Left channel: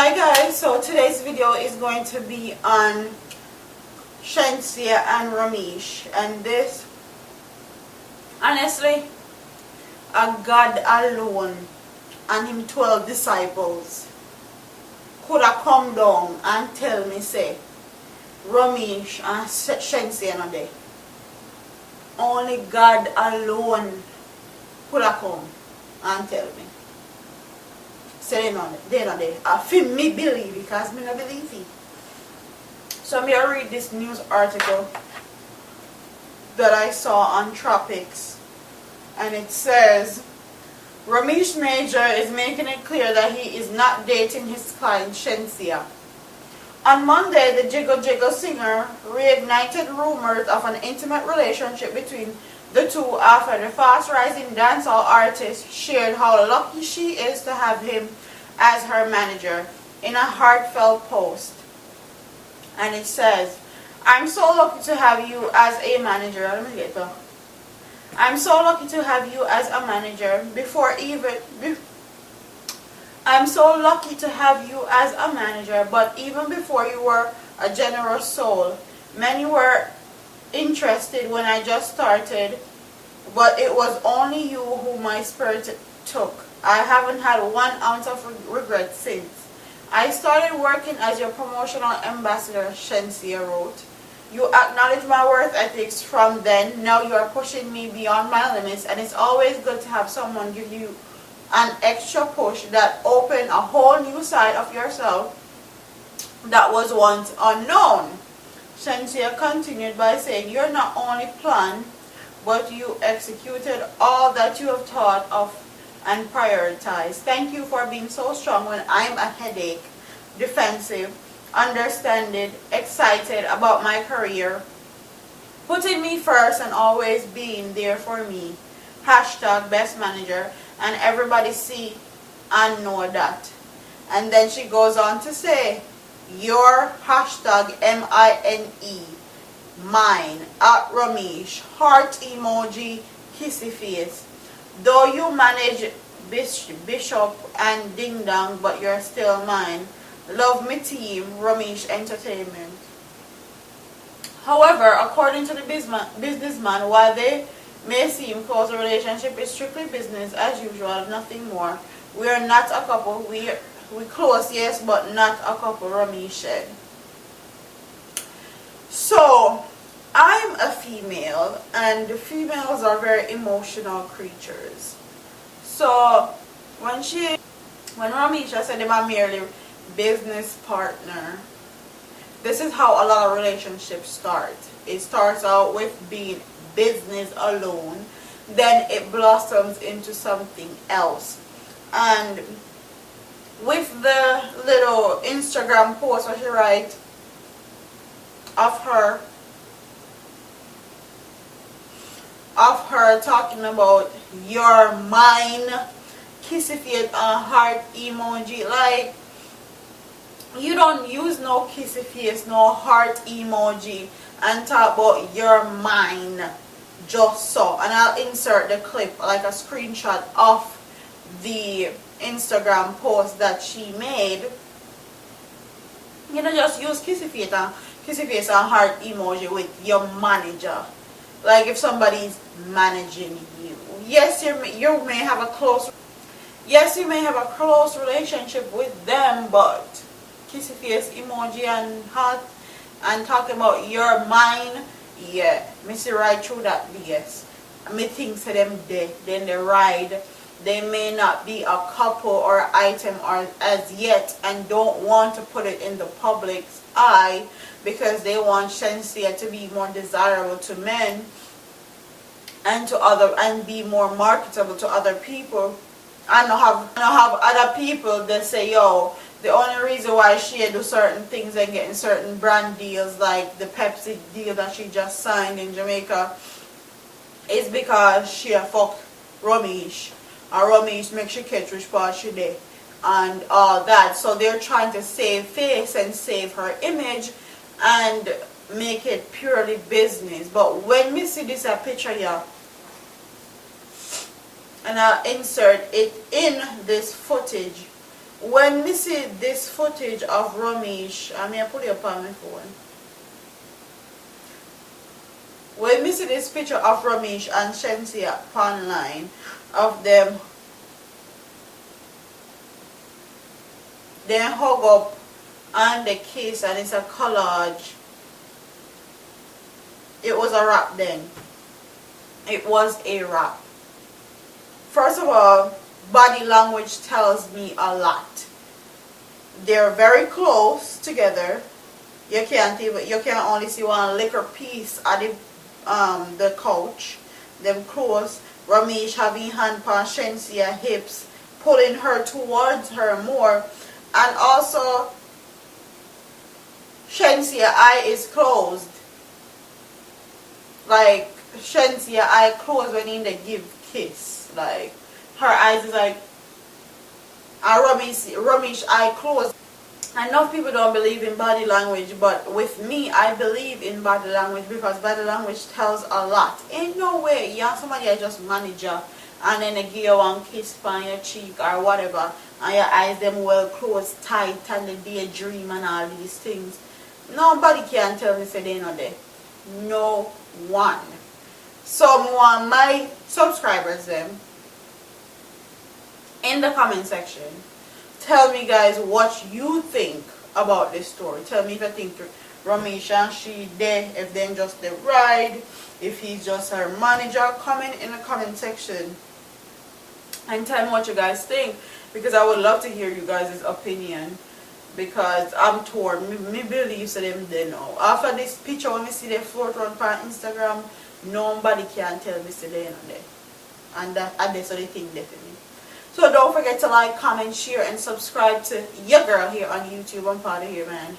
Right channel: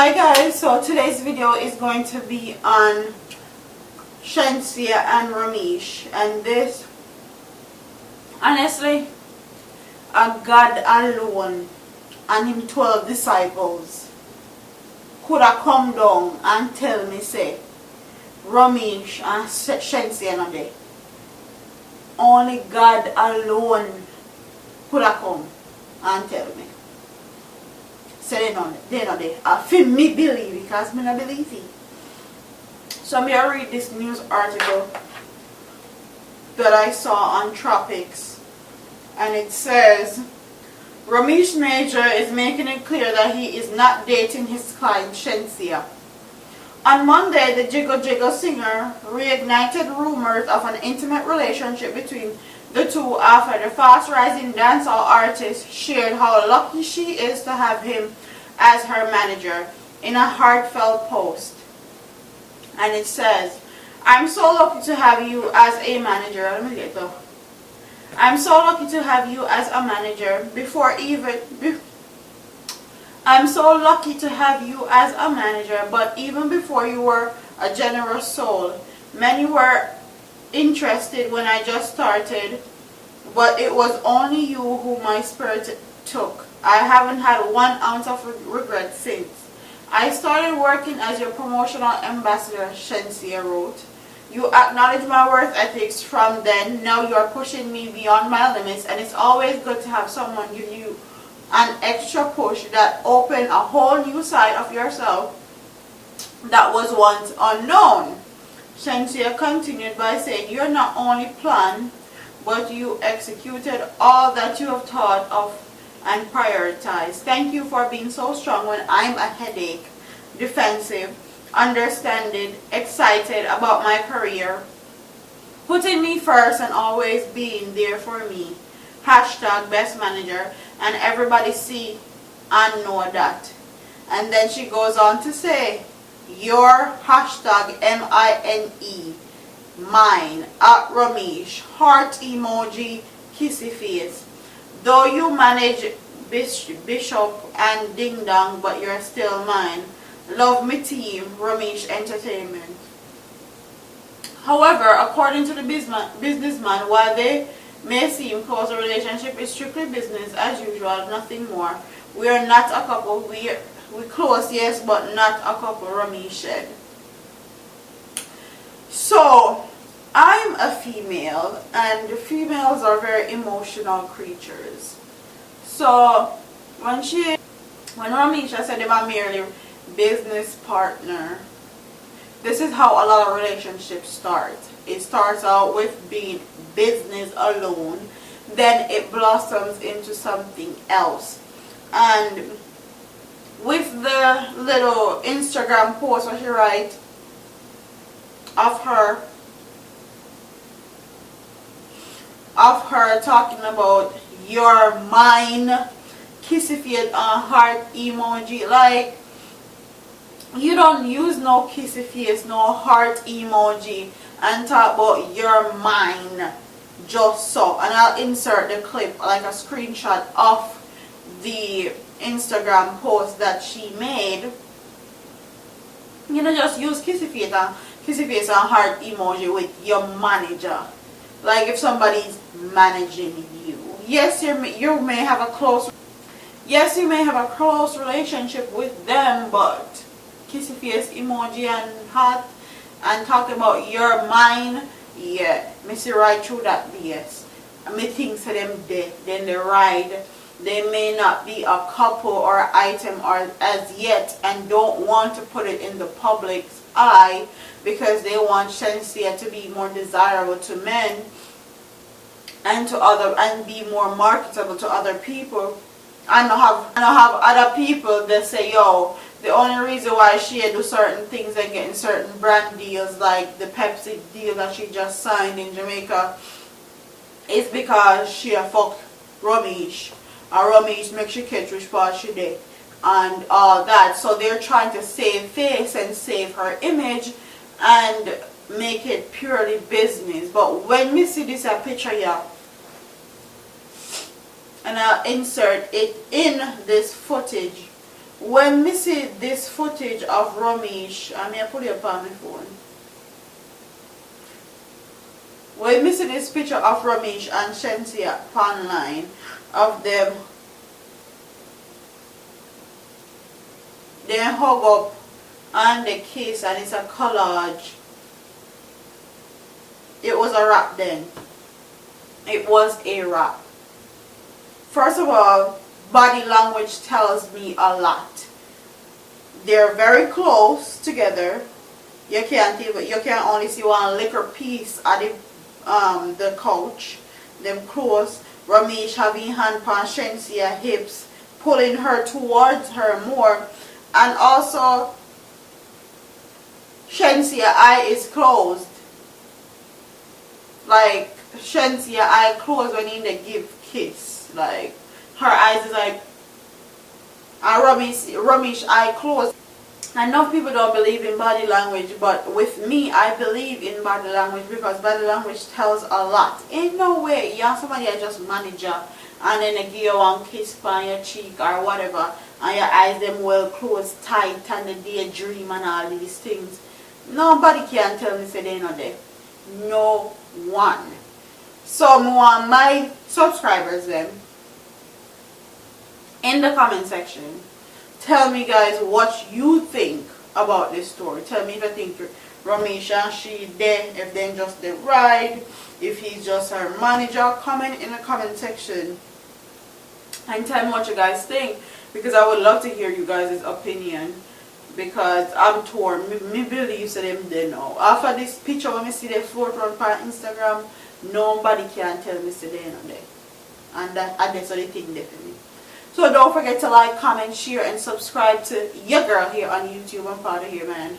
Hi guys, so today's video is going to be on Shenseea and Romieche, and this, honestly, a God alone and him 12 disciples could have come down and tell me say Romieche and Shenseea not there. Only God alone could have come and tell me. So they're not there. I feel me believe because me not believe it. So I'm going to read this news article that I saw on Tropics. And it says, Romieche Major is making it clear that he is not dating his client Shenseea. On Monday, the Jiggle Jiggle singer reignited rumors of an intimate relationship between the two after the fast-rising dancehall artist shared how lucky she is to have him as her manager in a heartfelt post. And it says, I'm so lucky to have you as a manager. Let me get that. I'm so lucky to have you as a manager I'm so lucky to have you as a manager, but even before you were a generous soul, many were interested when I just started, but it was only you who my spirit took. I haven't had 1 ounce of regret since. I started working as your promotional ambassador, Shenseea wrote. You acknowledge my work ethics from then. Now you are pushing me beyond my limits, and it's always good to have someone give you an extra push that open a whole new side of yourself that was once unknown. Shenseea continued by saying, you're not only planned, but you executed all that you have thought of and prioritized. Thank you for being so strong when I'm a headache, defensive, understanding, excited about my career, putting me first and always being there for me. Hashtag best manager, and everybody see and know that. And then she goes on to say, your hashtag MINE, mine, at Romieche, heart emoji, kissy face. Though you manage Bishop and Ding Dong, but you're still mine. Love me team, Romieche Entertainment. However, according to the businessman, while they may seem close, a relationship is strictly business as usual, nothing more. We are not a couple. We close, yes, but not a couple, Romieche said. So, I'm a female, and females are very emotional creatures. So, when Romieche said they are merely business partner, this is how a lot of relationships start. It starts out with being business alone, then it blossoms into something else. And with the little Instagram post that she writes of her talking about your mine, kissy face, heart emoji, like, you don't use no kissy face, no heart emoji and talk about your mine just so. And I'll insert the clip, like a screenshot of the Instagram post that she made. You know, just use kissy face and heart emoji with your manager. Like if somebody's managing you. Yes, you may have a close relationship with them, but kissy face emoji and heart and talking about your mind, yeah, me see right through that BS. Me think to them dead, then they ride. They may not be a couple or item or as yet, and don't want to put it in the public's eye because they want Shenseea to be more desirable to men and be more marketable to other people. I don't have other people that say, yo, the only reason why she do certain things and getting certain brand deals like the Pepsi deal that she just signed in Jamaica is because she a fuck Romieche. And Romieche makes she catch which part she did and all that. So they're trying to save face and save her image and make it purely business. But when we see this picture here, and I'll insert it in this footage when me see this footage of Romieche, I mean I put it up on my phone. When me see this picture of Romieche and Shenseea online of them, they hug up and they kiss and it's a collage. It was a wrap then. It was a wrap. First of all, body language tells me a lot. They're very close together. You can only see one little piece of the couch. Them close. Romieche having hand on Shenseea hips, pulling her towards her more, and also Shenseea eye is closed. Like Shenseea eye closed when in the give kiss. Like her eyes is like, and Romieche eye closed. I know people don't believe in body language, but with me, I believe in body language because body language tells a lot. Ain't no way you have somebody I just manager and then they give you one kiss on your cheek or whatever and your eyes them well closed tight and the daydream and all these things. Nobody can tell me say they not there. No one. So I want my subscribers them in the comment section, tell me guys what you think about this story. Tell me if you think Romieche and she there, if they just the ride, if he's just her manager. Comment in the comment section and tell me what you guys think, because I would love to hear you guys' opinion, because I'm torn. Me believe so them they know. After this picture when I see the fourth one on Instagram, nobody can tell me say they not there. And that's the thing there for me. So don't forget to like, comment, share, and subscribe to your girl here on YouTube. I'm proud of you, man.